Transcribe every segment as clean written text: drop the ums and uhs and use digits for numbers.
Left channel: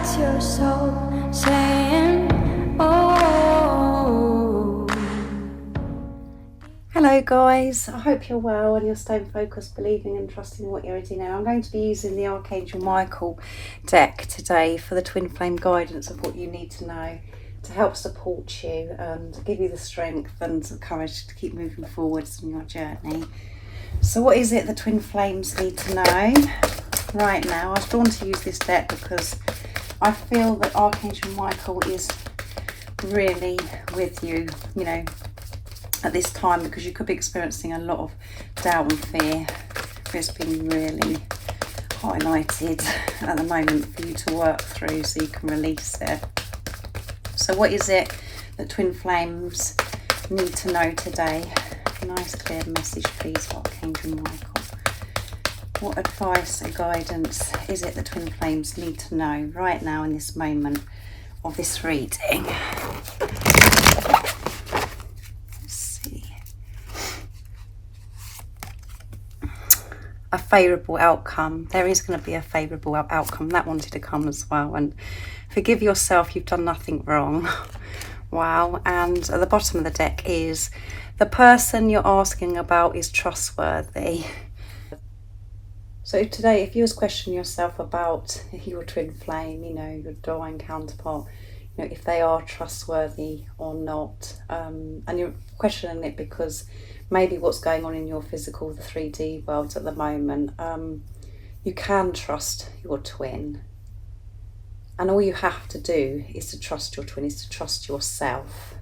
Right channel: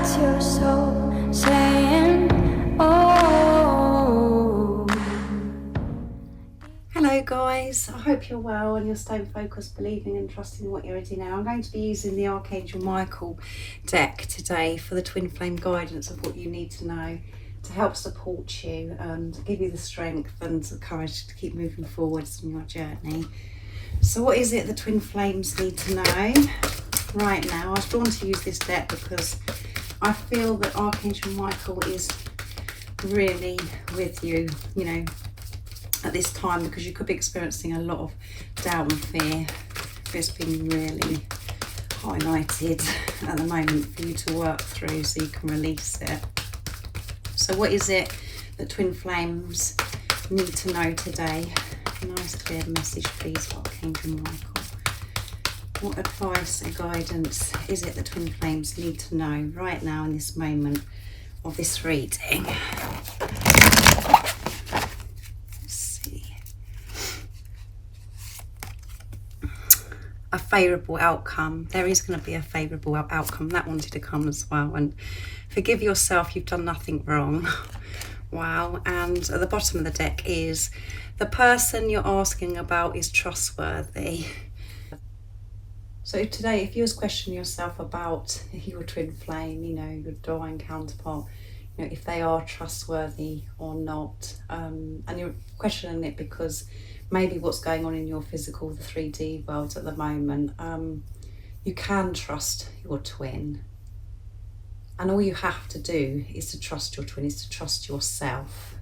That's your soul saying, oh. Hello guys, I hope you're well and you're staying focused, believing and trusting what you already know. I'm going to be using the Archangel Michael deck today for the twin flame guidance of what you need to know to help support you and give you the strength and the courage to keep moving forwards on your journey. So what is it the twin flames need to know right now? I was drawn to use this deck because I feel that Archangel Michael is really with you, at this time, because you could be experiencing a lot of doubt and fear. It's been really highlighted at the moment for you to work through so you can release it. So what is it that twin flames need to know today? Nice clear message please, Archangel Michael. What advice or guidance is it that twin flames need to know right now in this moment of this reading? A favourable outcome. There is going to be a favourable outcome. That wanted to come as well. And forgive yourself, you've done nothing wrong. Wow. And at the bottom of the deck is the person you're asking about is trustworthy. So today, if you was questioning yourself about your twin flame, your divine counterpart, if they are trustworthy or not, and you're questioning it because maybe what's going on in your physical, the 3D world at the moment, you can trust your twin. And all you have to do is to trust your twin, is to trust yourself,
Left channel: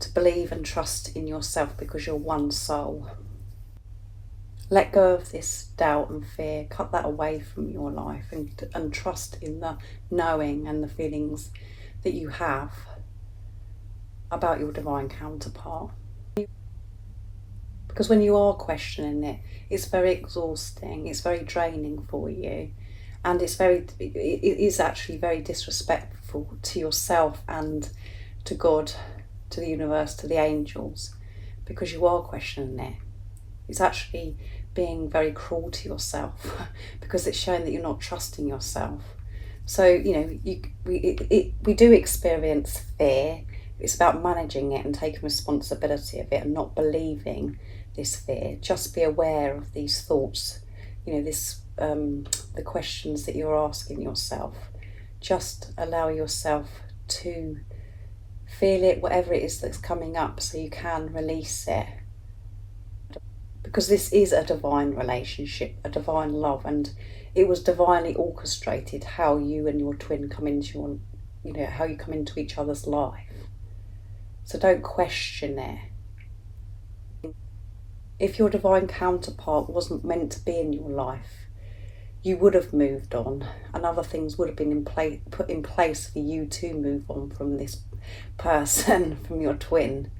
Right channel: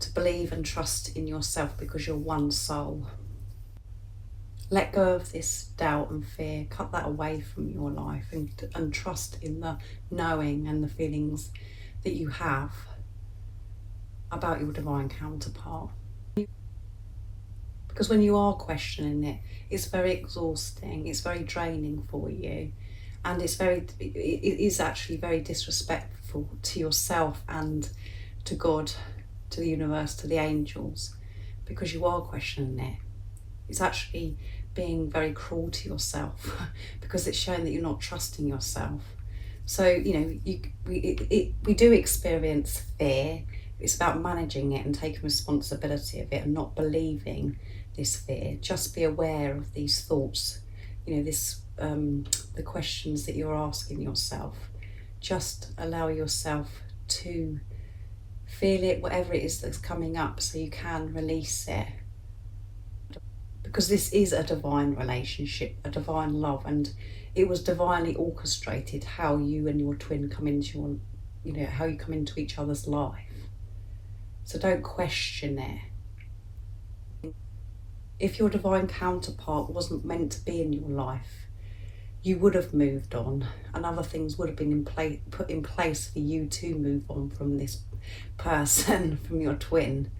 to believe and trust in yourself because you're one soul. Let go of this doubt and fear, cut that away from your life and trust in the knowing and the feelings that you have about your divine counterpart. Because when you are questioning it, it's very exhausting, it's very draining for you, and it is actually very disrespectful to yourself and to God, to the universe, to the angels, because you are questioning it. It's actually being very cruel to yourself because it's showing that you're not trusting yourself. So, we do experience fear. It's about managing it and taking responsibility of it and not believing this fear. Just be aware of these thoughts, the questions that you're asking yourself. Just allow yourself to feel it, whatever it is that's coming up, so you can release it. Because this is a divine relationship, a divine love, and it was divinely orchestrated how you and your twin come into how you come into each other's life. So don't question it. If your divine counterpart wasn't meant to be in your life, you would have moved on, and other things would have been put in place for you to move on from this person, from your twin.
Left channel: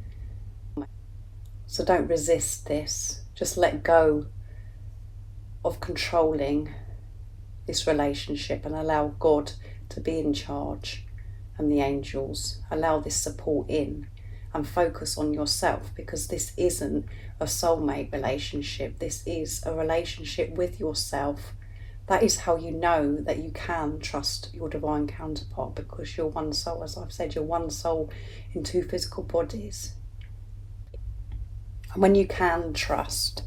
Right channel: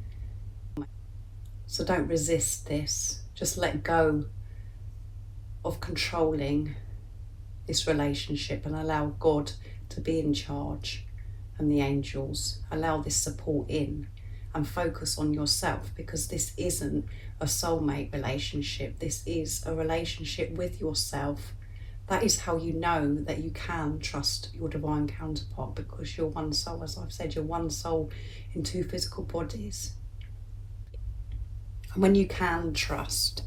So don't resist this. Just let go of controlling this relationship and allow God to be in charge and the angels. Allow this support in and focus on yourself, because this isn't a soulmate relationship. This is a relationship with yourself. That is how you know that you can trust your divine counterpart, because you're one soul. As I've said, you're one soul in two physical bodies. And when you can trust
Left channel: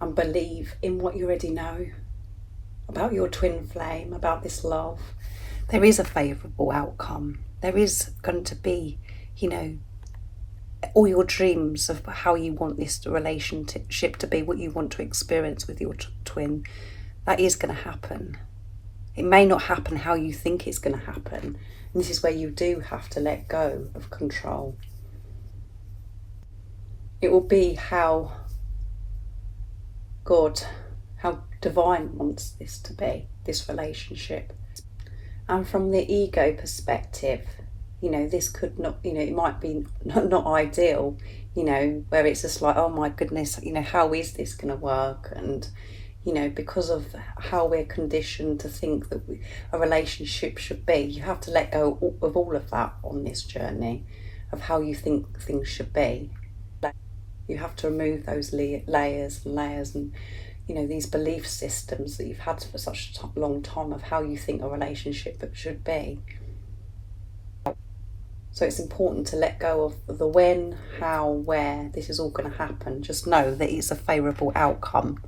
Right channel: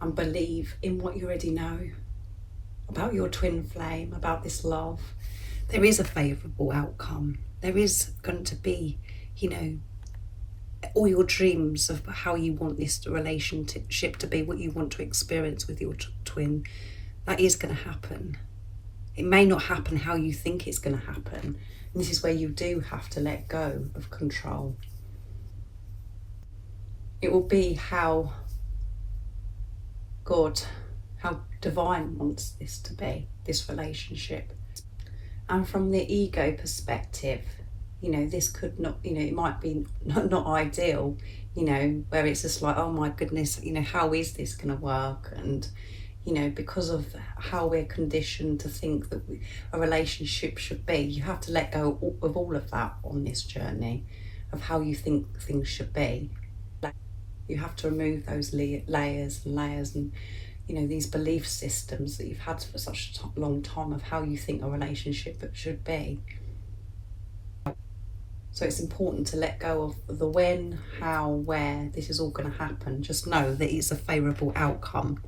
and believe in what you already know about your twin flame, about this love, there is a favourable outcome. There is going to be, all your dreams of how you want this relationship to be, what you want to experience with your twin, that is going to happen. It may not happen how you think it's going to happen. And this is where you do have to let go of control. It will be how God, how divine wants this to be, this relationship. And from the ego perspective, this could not, it might be not ideal, where it's just like, oh my goodness, how is this going to work? And, because of how we're conditioned to think that a relationship should be, you have to let go of all of that on this journey of how you think things should be. You have to remove those layers and layers and you know, these belief systems that you've had for such a long time of how you think a relationship should be. So it's important to let go of the when, how, where this is all going to happen. Just know that it's a favourable outcome,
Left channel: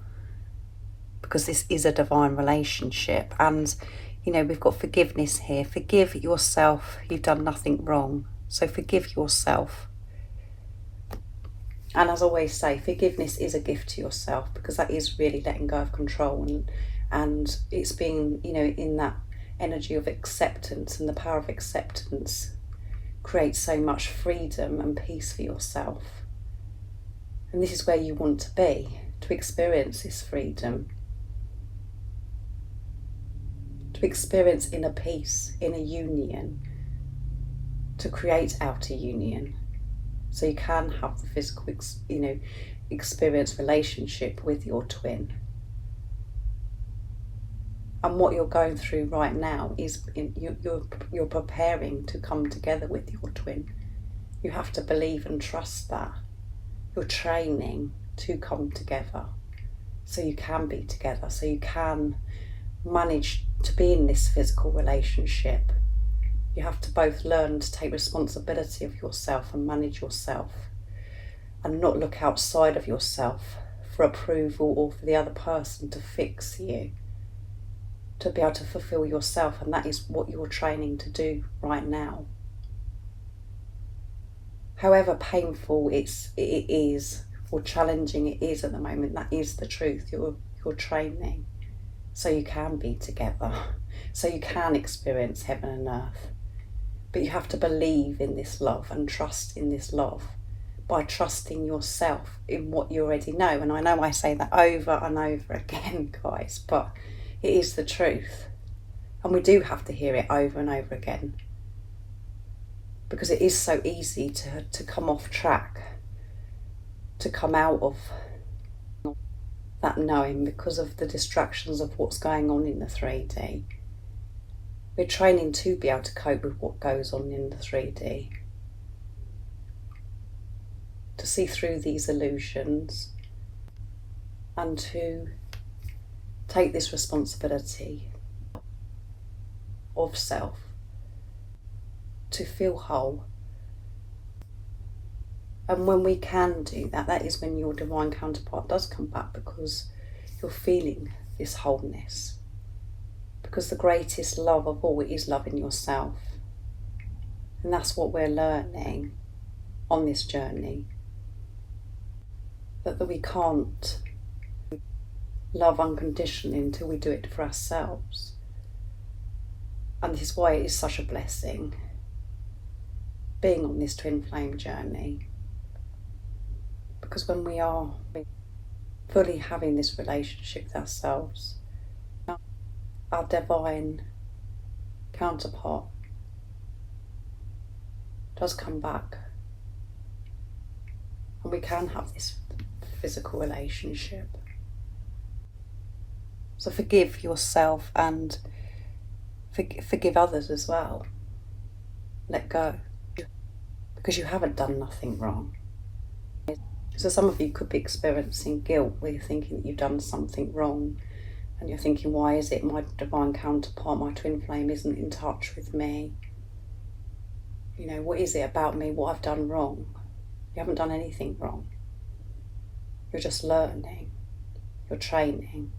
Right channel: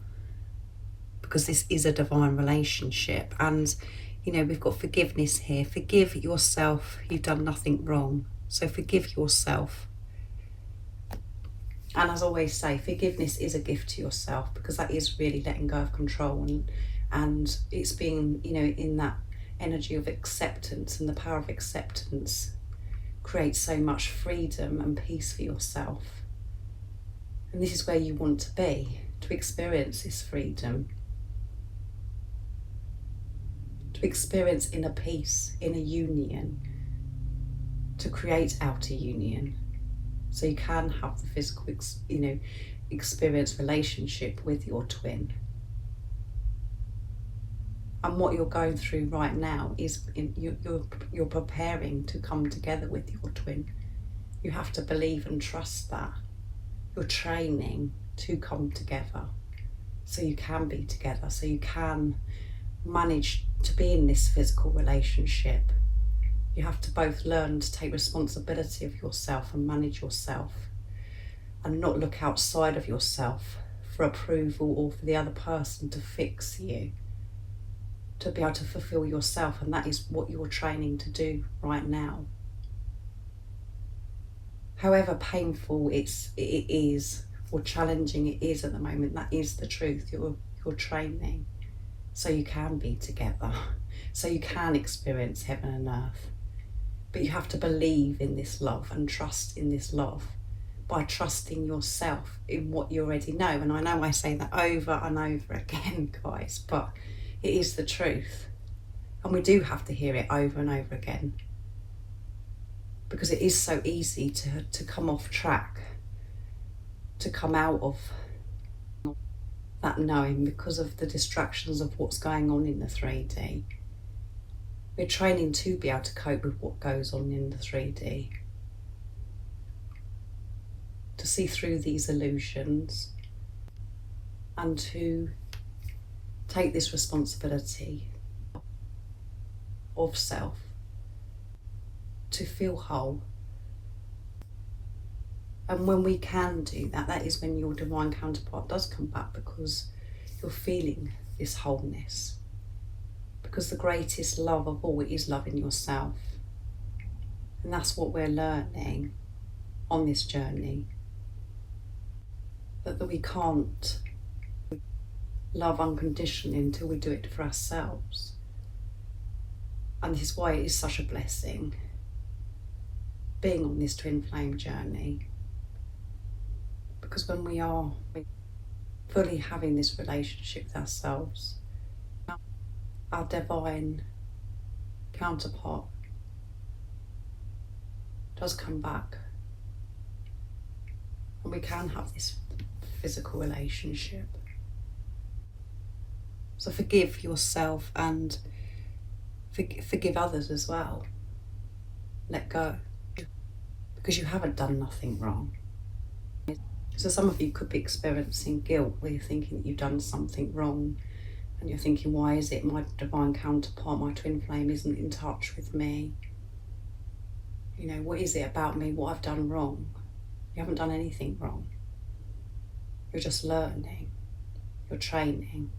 because this is a divine relationship. And, you know, we've got forgiveness here. Forgive yourself. You've done nothing wrong. So forgive yourself. And as I always say, forgiveness is a gift to yourself, because that is really letting go of control. And it's being, you know, in that energy of acceptance, and the power of acceptance creates so much freedom and peace for yourself. And this is where you want to be, to experience this freedom, to experience inner peace, inner union, to create outer union, so you can have the physical, you know, experience relationship with your twin. And what you're going through right now is you're preparing to come together with your twin. You have to believe and trust that. You're training to come together, so you can be together, so you can manage to be in this physical relationship. You have to both learn to take responsibility of yourself and manage yourself, and not look outside of yourself for approval or for the other person to fix you, to be able to fulfill yourself. And that is what you're training to do right now. However painful it is, or challenging it is at the moment, that is the truth. You're training so you can be together, so you can experience heaven and earth. But you have to believe in this love and trust in this love by trusting yourself in what you already know. And I know I say that over and over again, guys, but it is the truth. And we do have to hear it over and over again, because it is so easy to come off track, to come out of that knowing, because of the distractions of what's going on in the 3D. We're training to be able to cope with what goes on in the 3D, to see through these illusions, and to take this responsibility of self, to feel whole. And when we can do that, that is when your divine counterpart does come back, because you're feeling this wholeness. Because the greatest love of all is loving yourself. And that's what we're learning on this journey. That we can't love unconditionally until we do it for ourselves. And this is why it is such a blessing being on this twin flame journey. Because when we are fully having this relationship with ourselves, our divine counterpart does come back, and we can have this physical relationship. So forgive yourself and forgive others as well. Let go, because you haven't done nothing wrong. So some of you could be experiencing guilt, where you're thinking that you've done something wrong, and you're thinking, why is it my divine counterpart, my twin flame, isn't in touch with me? You know, what is it about me, what I've done wrong? You haven't done anything wrong. You're just learning, you're training,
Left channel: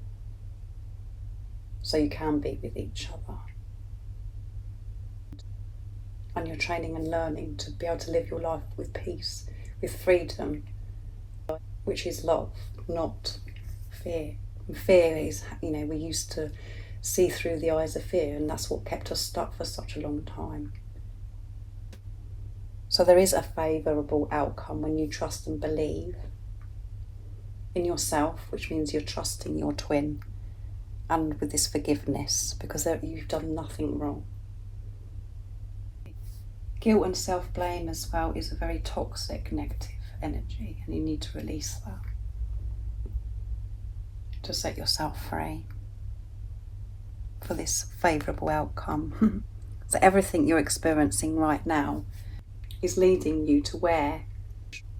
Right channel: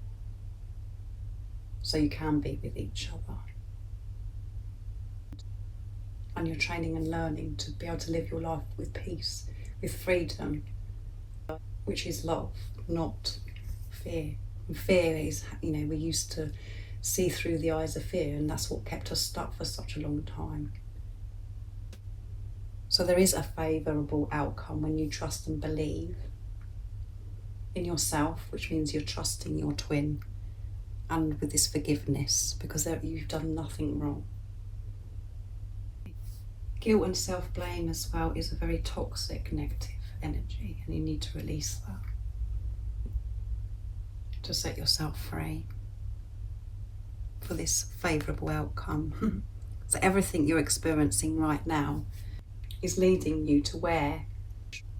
so you can be with each other. And you're training and learning to be able to live your life with peace, with freedom, which is love, not fear. And fear is, you know, we used to see through the eyes of fear, and that's what kept us stuck for such a long time. So there is a favourable outcome when you trust and believe in yourself, which means you're trusting your twin, and with this forgiveness, because you've done nothing wrong. Guilt and self-blame as well is a very toxic, negative energy, and you need to release that to set yourself free for this favourable outcome. So everything you're experiencing right now is leading you to where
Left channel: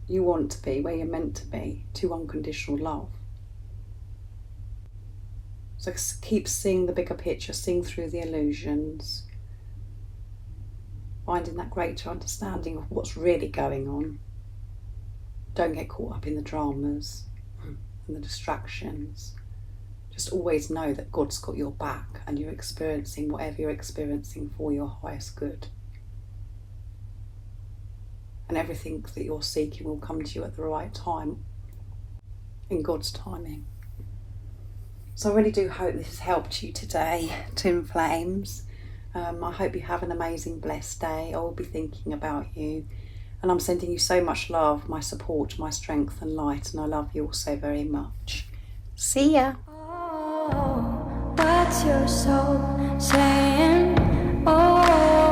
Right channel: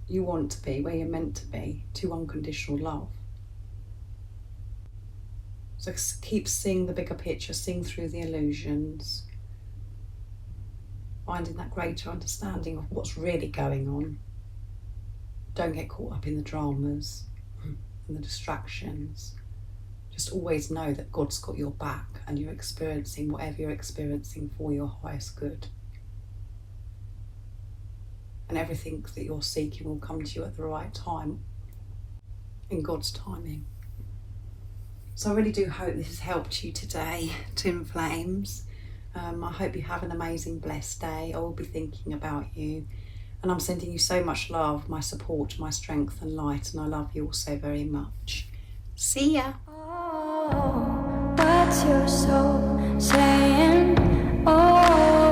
you want to be, where you're meant to be, to unconditional love. So keep seeing the bigger picture, seeing through the illusions, finding that greater understanding of what's really going on. Don't get caught up in the dramas and the distractions. Just always know that God's got your back and you're experiencing whatever you're experiencing for your highest good. And everything that you're seeking will come to you at the right time, in God's timing. So I really do hope this has helped you today, Twin Flames. I hope you have an amazing, blessed day. I will be thinking about you. And I'm sending you so much love, my support, my strength and light. And I love you all so very much. See ya. Oh, what's your soul saying? Oh.